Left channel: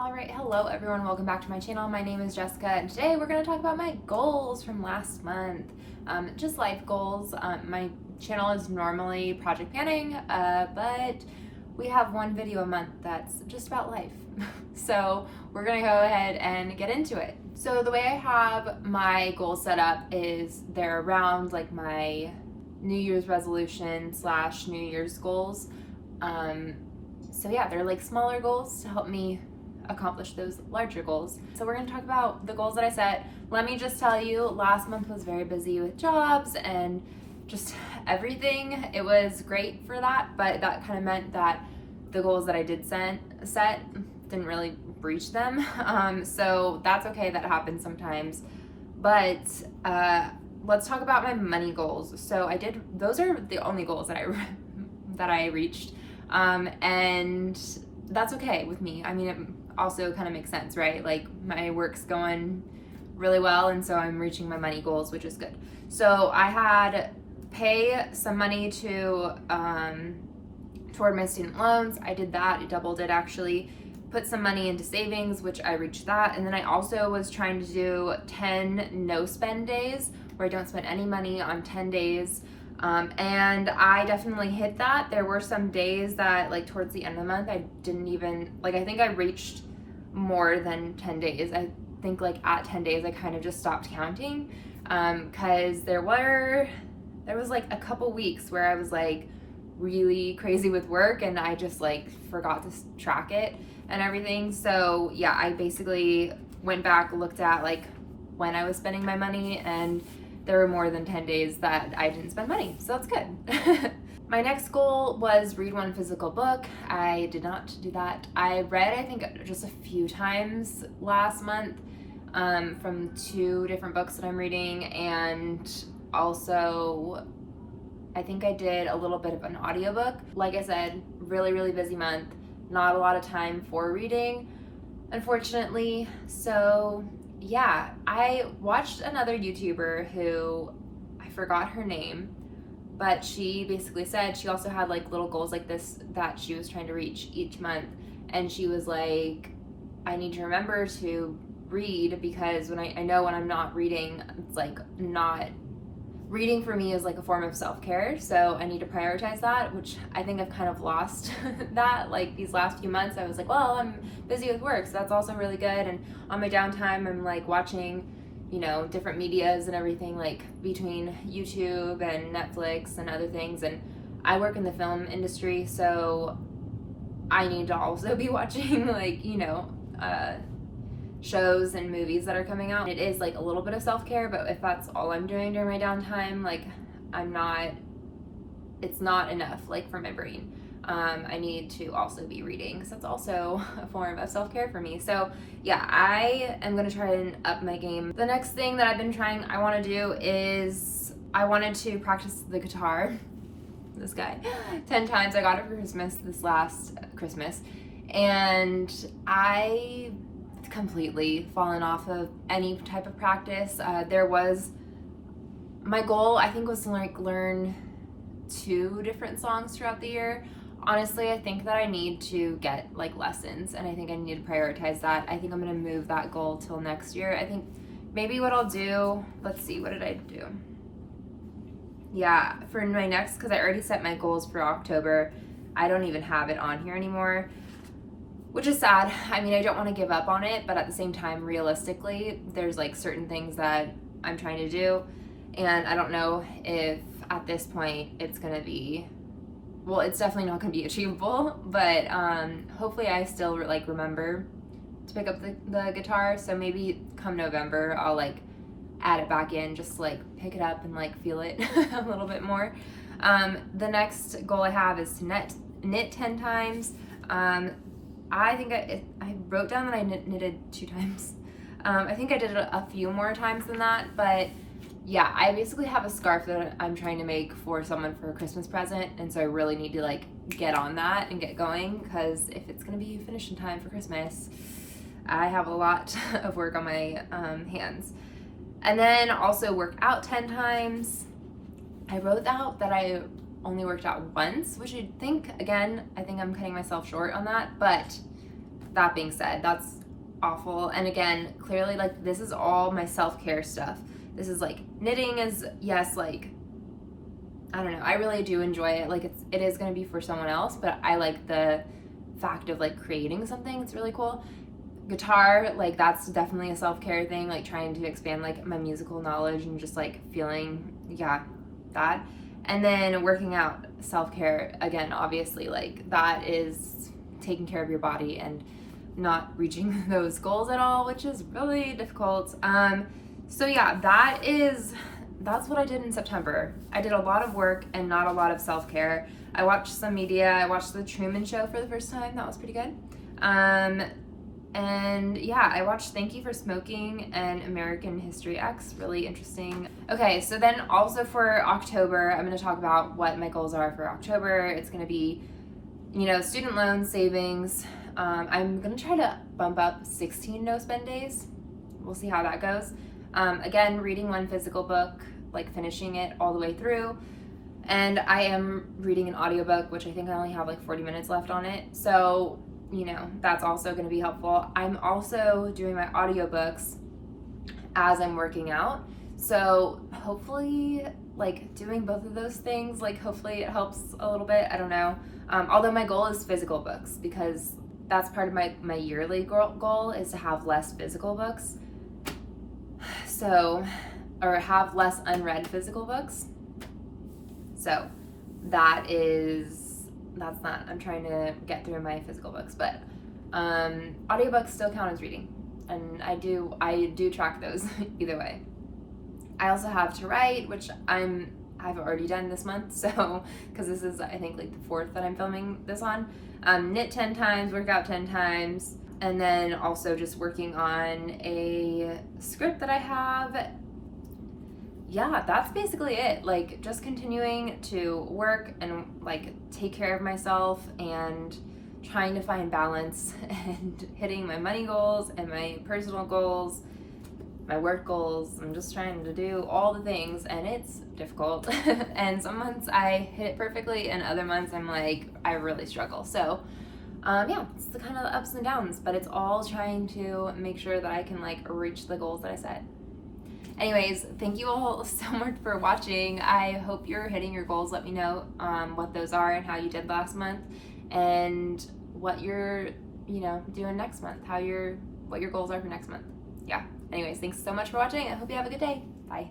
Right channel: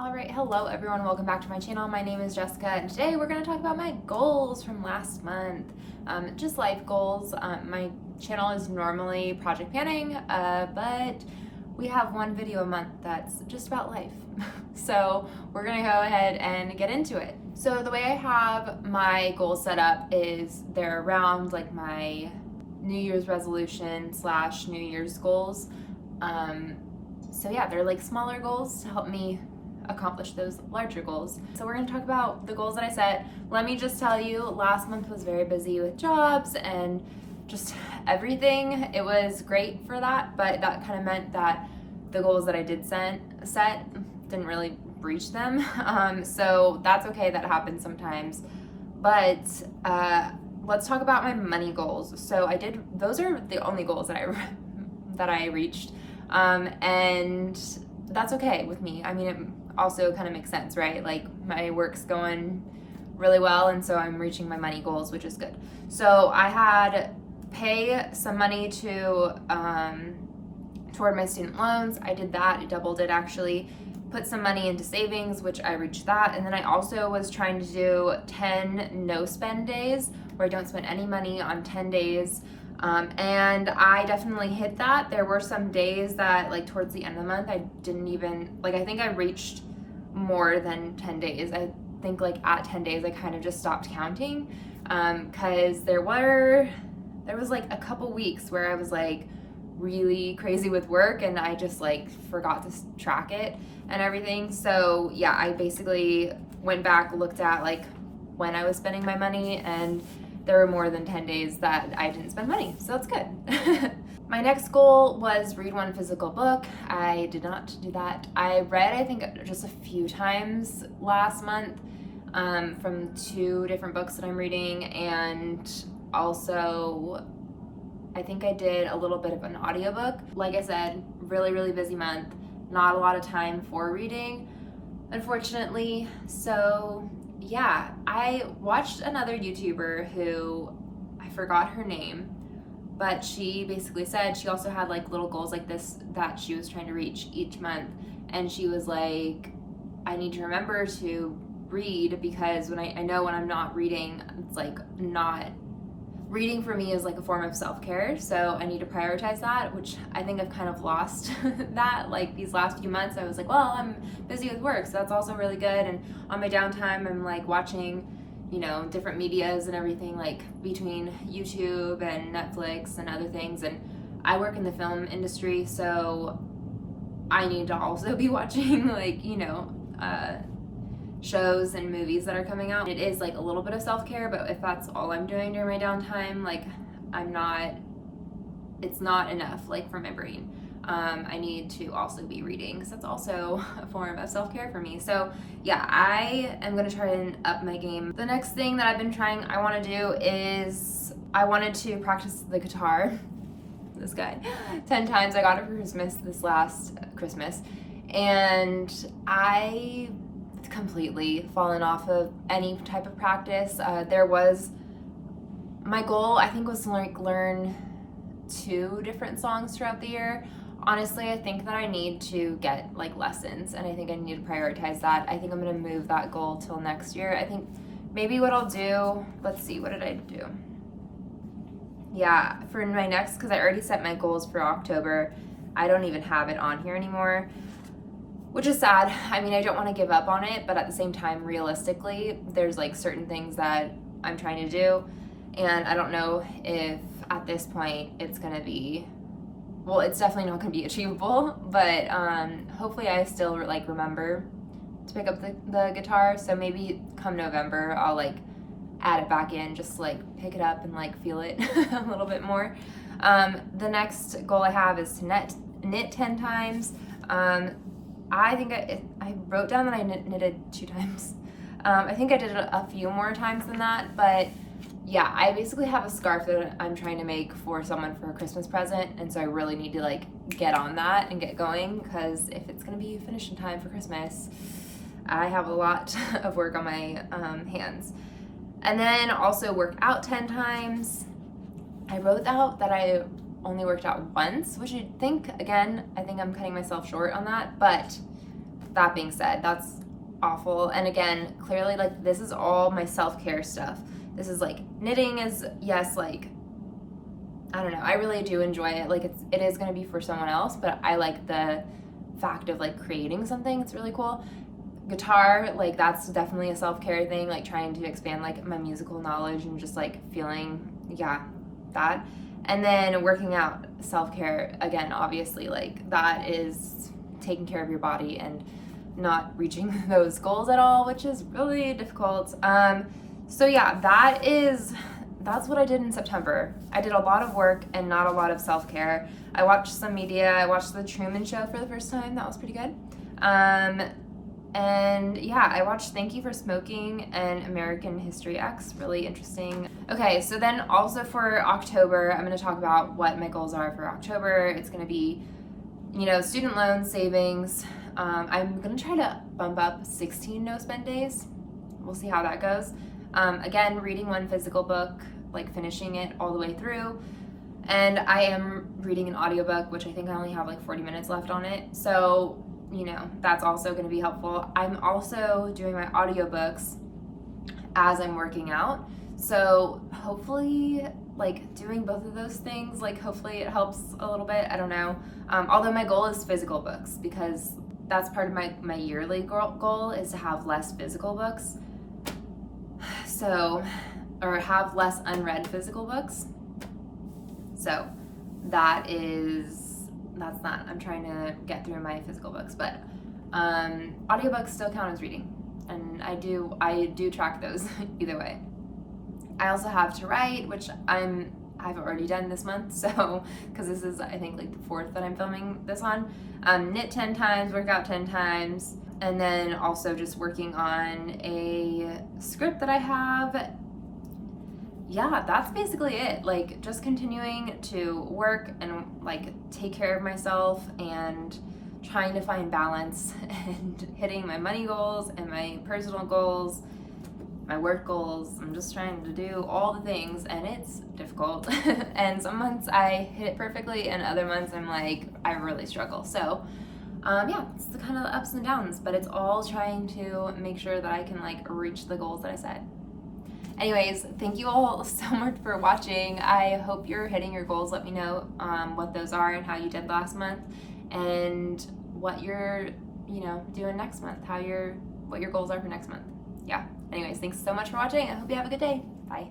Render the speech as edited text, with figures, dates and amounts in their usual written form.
Alright, hello everyone, welcome back to my channel. My name is Jessica and today we're going to talk about my goals from last month. Just life goals. My channel is normally project planning, but we have one video a month that's just about life. So we're going to go ahead and get into it. So the way I have my goals set up is they're around like my New Year's resolution / New Year's goals. So yeah, they're like smaller goals to help me accomplish those larger goals. So we're going to talk about the goals that I set. Let me just tell you, last month was very busy with jobs and just everything. It was great for that, but that kind of meant that the goals that I did set didn't really reach them. So that's okay, that happens sometimes. But let's talk about my money goals. So those are the only goals that I reached. And that's okay with me. I mean, it also kind of makes sense, right? Like my work's going really well, and so I'm reaching my money goals, which is good. So I had pay some money to toward my student loans. I did that. I doubled it actually. Put some money into savings, which I reached that. And then I also was trying to do 10 no spend days where I don't spend any money on 10 days. And I definitely hit that. There were some days that like towards the end of the month, I didn't even, like I think I reached more than 10 days. I think like at 10 days, I kind of just stopped counting because there was like a couple weeks where I was like really crazy with work and I just like forgot to track it and everything. So yeah, I basically went back, looked at like when I was spending my money, and there were more than 10 days that I didn't spend money, so that's good. My next goal was read one physical book. I did not do that. I read, I think, just a few times last month from 2 different books that I'm reading, and also I think I did a little bit of an audiobook. Like I said, really, really busy month. Not a lot of time for reading, unfortunately. So yeah, I watched another YouTuber who, I forgot her name, but she basically said she also had like little goals like this that she was trying to reach each month. And she was like, I need to remember to read because when I know when I'm not reading, it's like not, reading for me is like a form of self-care. So I need to prioritize that, which I think I've kind of lost that. Like these last few months, I was like, well, I'm busy with work, so that's also really good. And on my downtime, I'm like watching, you know, different medias and everything, like between YouTube and Netflix and other things. And I work in the film industry, so I need to also be watching like, you know, shows and movies that are coming out. It is like a little bit of self-care, but if that's all I'm doing during my downtime, like it's not enough like for my brain. I need to also be reading because that's also a form of self-care for me. So yeah, I am going to try and up my game. The next thing that I've been trying, I want to do is I wanted to practice the guitar. This guy 10 times. I got it for Christmas this last Christmas, and I completely fallen off of any type of practice. My goal I think was to like learn 2 different songs throughout the year. Honestly, I think that I need to get like lessons, and I think I need to prioritize that. I think I'm gonna move that goal till next year. I think maybe what I'll do, let's see, what did I do? Yeah, for my next, because I already set my goals for October, I don't even have it on here anymore, which is sad. I mean, I don't want to give up on it, but at the same time, realistically, there's like certain things that I'm trying to do, and I don't know if at this point it's gonna be, well, it's definitely not gonna be achievable, but hopefully I still like remember to pick up the guitar. So maybe come November, I'll like add it back in, just like pick it up and like feel it a little bit more. The next goal I have is to knit 10 times. I think I wrote down that I knitted 2 times. I think I did it a few more times than that, but yeah, I basically have a scarf that I'm trying to make for someone for a Christmas present, and so I really need to like get on that and get going, because if it's gonna be finished in time for Christmas, I have a lot of work on my hands. And then also work out 10 times. I wrote out that I only worked out once, which I think, again, I think I'm cutting myself short on that, but that being said, that's awful. And again, clearly, like, this is all my self-care stuff. This is like, knitting is, yes, like, I don't know, I really do enjoy it. Like, it is going to be for someone else, but I like the fact of like creating something. It's really cool. Guitar, like, that's definitely a self-care thing, like trying to expand like my musical knowledge and just like feeling, yeah, that. And then working out, self-care, again, obviously, like, that is taking care of your body and not reaching those goals at all, which is really difficult. So yeah, that's what I did in September. I did a lot of work and not a lot of self-care. I watched some media. I watched The Truman Show for the first time. That was pretty good. And yeah, I watched Thank You for Smoking and American History X. Really interesting. Okay, so then also for October, I'm going to talk about what my goals are for October. It's going to be, you know, student loan savings. I'm going to try to bump up 16 no-spend days. We'll see how that goes. Again, reading one physical book, like finishing it all the way through. And I am reading an audiobook, which I think I only have like 40 minutes left on it. So, you know, that's also going to be helpful. I'm also doing my audiobooks as I'm working out. So hopefully, like, doing both of those things, like, hopefully it helps a little bit. I don't know. Although my goal is physical books, because that's part of my yearly goal is to have less physical books. So, or have less unread physical books. So that's not, I'm trying to get through my physical books, but audiobooks still count as reading, and I do track those either way. I also have to write, which I've already done this month, so, because this is, I think, like the 4th that I'm filming this on. Knit 10 times, work out 10 times, and then also just working on a script that I have. Yeah, that's basically it. Like, just continuing to work and like take care of myself and trying to find balance and hitting my money goals and my personal goals, my work goals. I'm just trying to do all the things, and it's difficult. And some months I hit it perfectly, and other months I'm like, I really struggle. So yeah, it's the kind of ups and downs, but it's all trying to make sure that I can like reach the goals that I set. Anyways, thank you all so much for watching. I hope you're hitting your goals. Let me know what those are and how you did last month, and what you're, you know, doing next month, what your goals are for next month. Yeah. Anyways, thanks so much for watching. I hope you have a good day. Bye.